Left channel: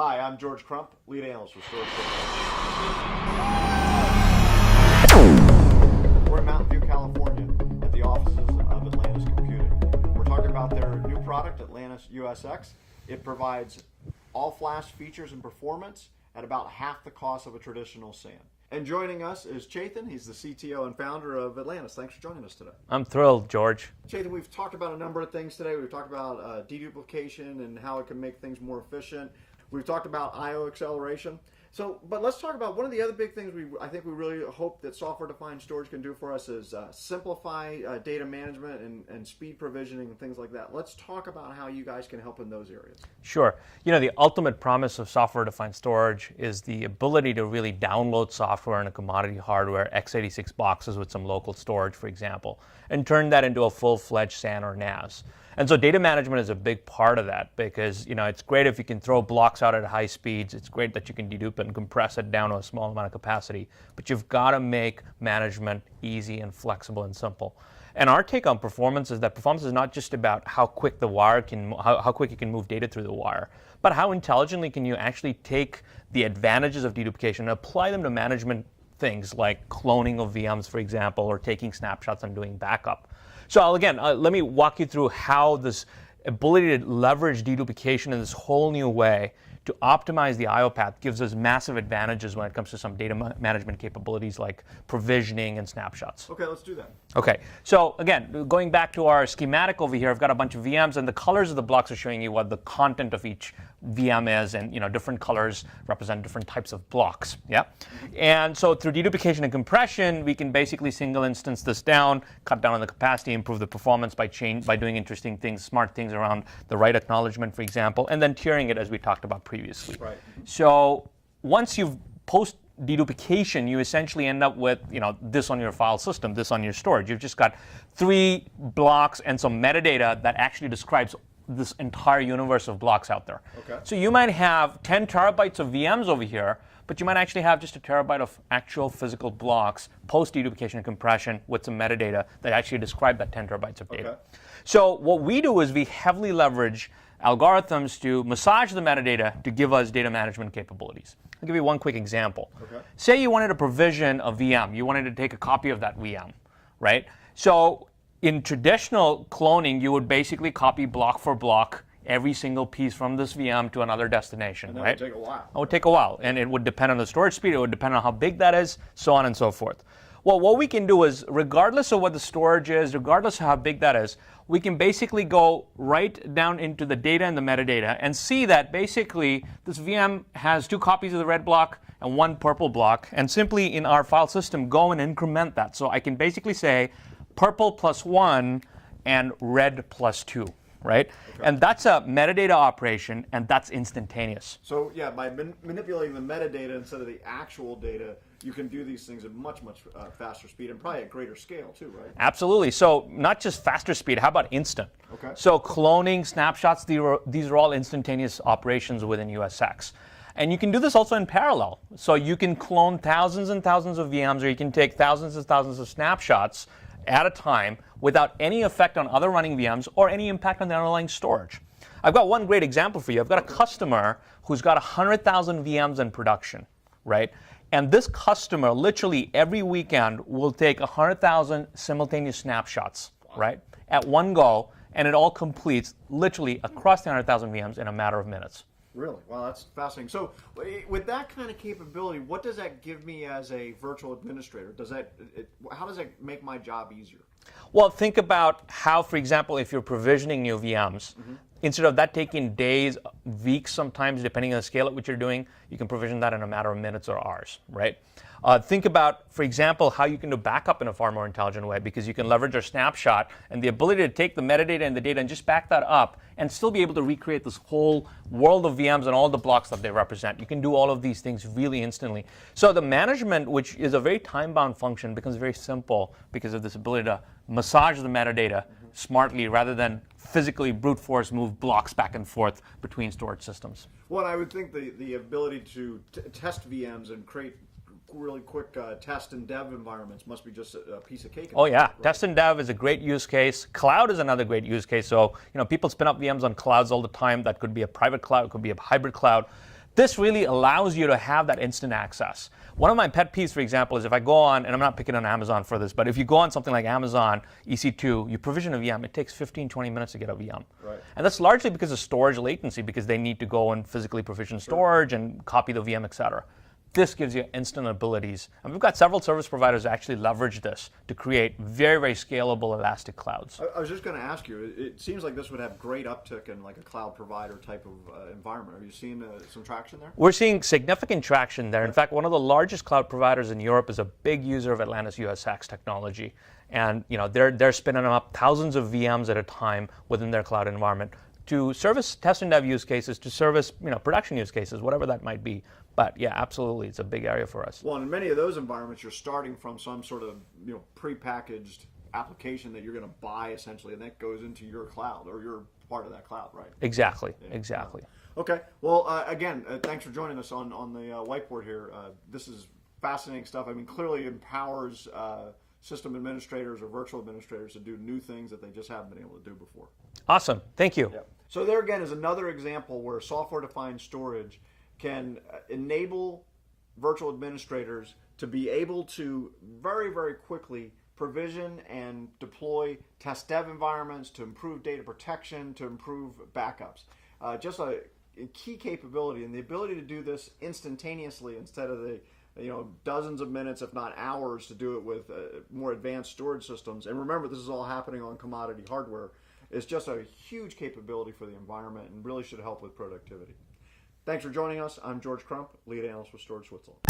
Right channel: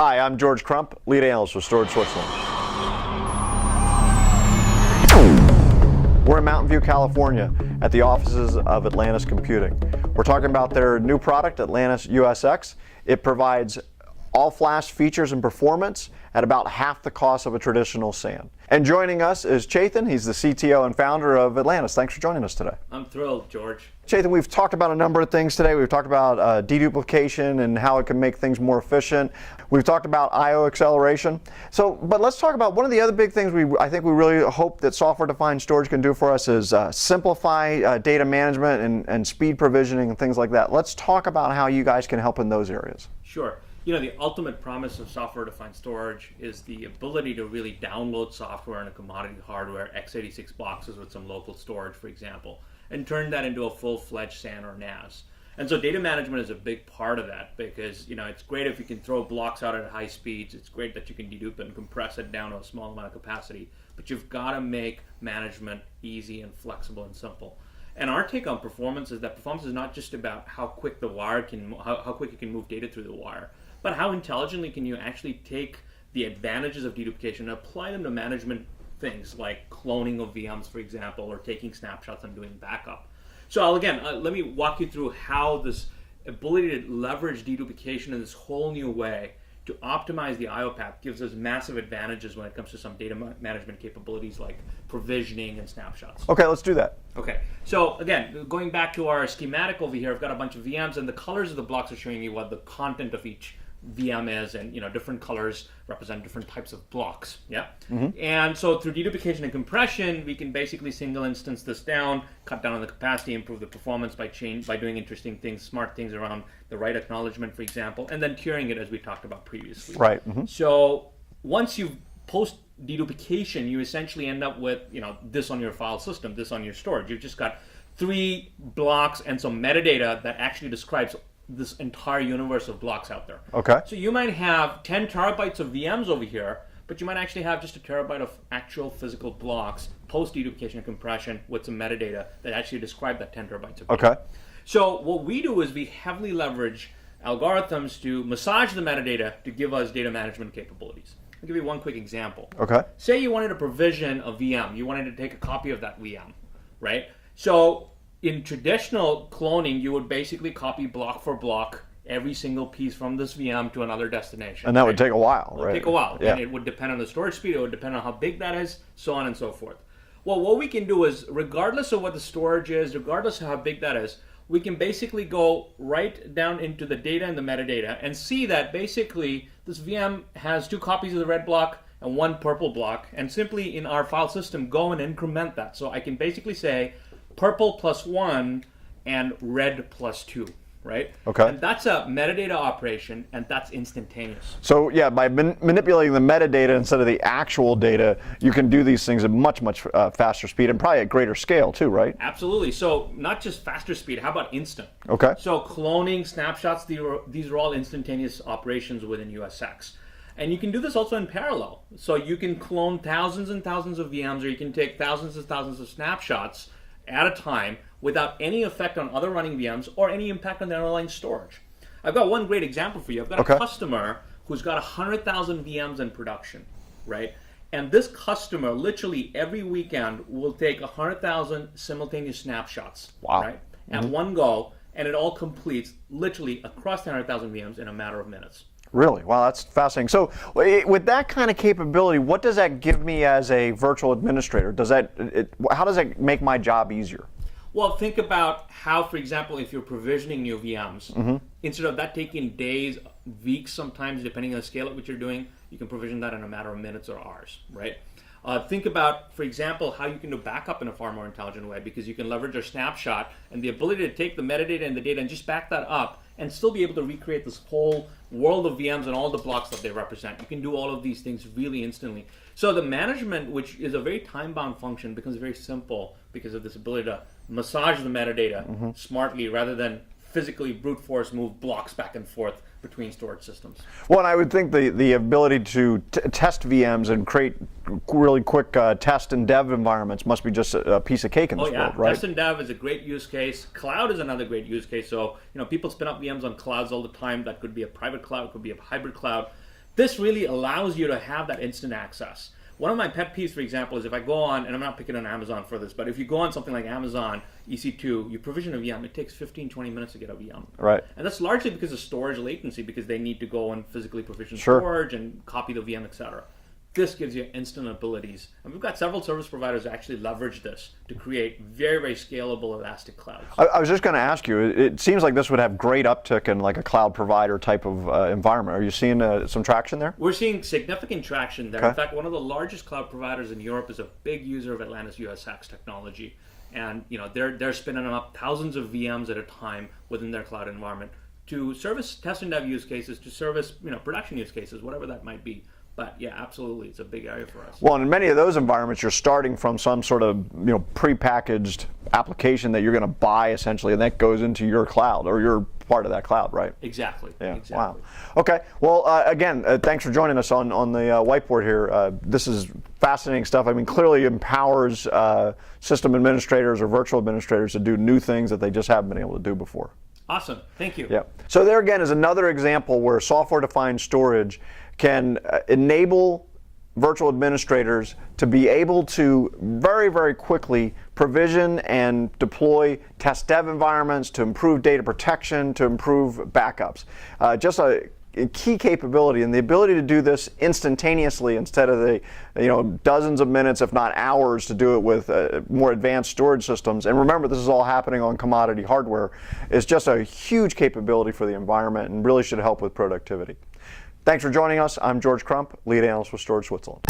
Hi, I'm George Crump, lead analyst for Storage Switzerland. We're in Mountain View, California at the offices of Atlantis Computing. We're talking about their new product, Atlantis USX. It provides all-flash features and performance at about half the cost of a traditional SAN. And joining us is Chetan. He's the CTO and founder of Atlantis. Thanks for joining us today. I'm thrilled, George. Chetan, we've talked about a number of things today. We've talked about deduplication and how it can make things more efficient. We've talked about I/O acceleration. But let's talk about one of the other big things I think we really hope that software-defined storage can do for us is simplify data management and speed provisioning and things like that. Let's talk about how you guys can help in those areas. Sure. You know, the ultimate promise of software-defined storage is the ability to really download software into commodity hardware, x86 boxes with some local storage, for example, and turn that into a full-fledged SAN or NAS. And so data management is a big part of that because, you know, it's great if you can throw blocks out at high speeds. It's great that you can dedupe it and compress it down to a small amount of capacity. But you've got to make management easy and flexible and simple. And our take on performance is that performance is not just about how quick the wire can, how quick you can move data through the wire, but how intelligently can you actually take the advantages of deduplication and apply them to management things like cloning of VMs, for example, or taking snapshots and doing backup. So again, let me walk you through how this ability to leverage deduplication in this whole new way to optimize the I/O path gives us massive advantages when it comes to some data management capabilities like provisioning and snapshots. Okay, let's do that. Okay, so again, going back to our schematic over here, I've got a bunch of VMs and the colors of the blocks are showing you what the content of each VM is, and you know, different colors represent different types of blocks. Yeah, and so through deduplication and compression, we can basically single instance this down, cut down on the capacity, improve the performance by doing interesting things, smart things around the write acknowledgement, for example, and then tiering it as we talked about previously. Right. So once you've post deduplication, you essentially end up with, you know, this on your file system, this on your storage. You've just got 3 blocks and some metadata that actually describes this entire universe of blocks out there. Okay. So you might have 10 terabytes of VMs over here, but you might actually have just a terabyte of actual physical blocks post deduplication and compression with some metadata that actually describe that 10 terabytes of data. Okay. So what we do is we heavily leverage algorithms to massage the metadata to give us data management capabilities. I'll give you one quick example. Okay. Say you wanted to provision a VM. You wanted to take a copy of that VM, right? So in traditional cloning, you would basically copy block for block every single piece from this VM to another destination. And that right? would take a while. It would take a while. Yeah. And it would depend on the storage speed. It would depend on how big that is, so on and so forth. Well, what we can do is, regardless of what the storage is, regardless of how big that is, we can basically go right down into the data and the metadata and see that basically this VM has 2 copies of the red block and 1 purple block, and simply in our file system go and increment that. So I can basically say purple plus 1 and red plus 2, right? Okay. And that's a metadata operation, and that's instantaneous. So yeah, by manipulating the metadata instead of the actual data, you can do these things at much faster speed and probably at greater scale too, right? Absolutely. So not just faster speed, how about instant? Okay. So cloning, snapshots, these are all instantaneous operations within USX. And you can do this also in parallel. So you can clone thousands and thousands of VMs, or you can take thousands and thousands of snapshots at a time without any effect on other running VMs or any impact on the underlying storage. I've got one great example for you. I've got a customer who's got 100,000 VMs in production, right? And this customer literally every weekend will take 100,000 simultaneous snapshots, right? At one go, and it all completes literally across the 100,000 VMs in a matter of minutes. Really? Wow, that's fascinating. So with that kind of capability, what does that give me as a virtual administrator? How does that make my job easier? Well, think about how, for example, if you're provisioning new VMs, instead of that taking days, weeks sometimes, depending on the scale at which you're doing, you can provision that in a matter of minutes or hours, right? Think about, for example, how you can do backup in a far more intelligent way, because you can leverage your snapshot and the ability to take the metadata and the data and just back that up and still be able to recreate this whole world of VMs and all the blocks that they represent. You can do all of these things really instantly. So the management, which is a very time-bound function, becomes very simple because of this ability to massage the metadata smartly rather than physically brute force move blocks back and forth between storage systems. Well, and I would think the ability to test VMs and create really quick test and dev environments must be just a piece of cake in this world, right? Test and dev is a great use case. Cloud is another great use case. So, you know, people spin up VMs on clouds all the time. That could be a private cloud, it could be a hybrid cloud. This really allows you to have that instant access. One of my pet peeves, for example, is if I go on, and I'm not picking on Amazon for this, but if you go on something like Amazon EC2, you provision a VM, it takes 15, 20 minutes to get a VM. Right. And that's largely because of storage latency, because they need to go and physically provision storage and copy the VM, et cetera. This gives you instant abilities. And we've got several service providers that actually leverage this to create very, very scalable elastic clouds. I was just going to ask you, it seems like this would have great uptick in like a cloud provider type of environment. Are you seeing some traction there? We're seeing significant traction there. Okay. In fact, one of the largest cloud providers in Europe is a big user of Atlantis USX technology. And they're spinning up thousands of VMs at a time within their cloud environment to service test and dev use cases, to service production use cases, whatever that might be. But yeah, absolutely, it's a big area for us. Well, and in many of those environments, you're starting from some sort of prepackaged application that you're going to buy essentially, and that goes into your cloud, or you're part of that cloud, right? Exactly. Yeah. Exactly. Wow. Okay. Well, again, thanks for joining us on the whiteboard here. This is fascinating stuff. I mean, clearly empowers system administrators or virtual administrators to do new things that they just haven't been able to do before. Awesome. Thank you. Yeah. So there again is another example where software-defined storage can enable virtual administrators to be able to very, very quickly provision and deploy test dev environments to improve data protection, to improve backups. Just a key capability, and the ability to do this instantaneously instead of the dozens of minutes, if not hours, to do it with more advanced storage systems. And remember, this is all happening on commodity hardware. Is just a huge capability for the environment and really should help with productivity. Thanks for joining us. I'm George Crump, lead analyst with Storage Switzerland.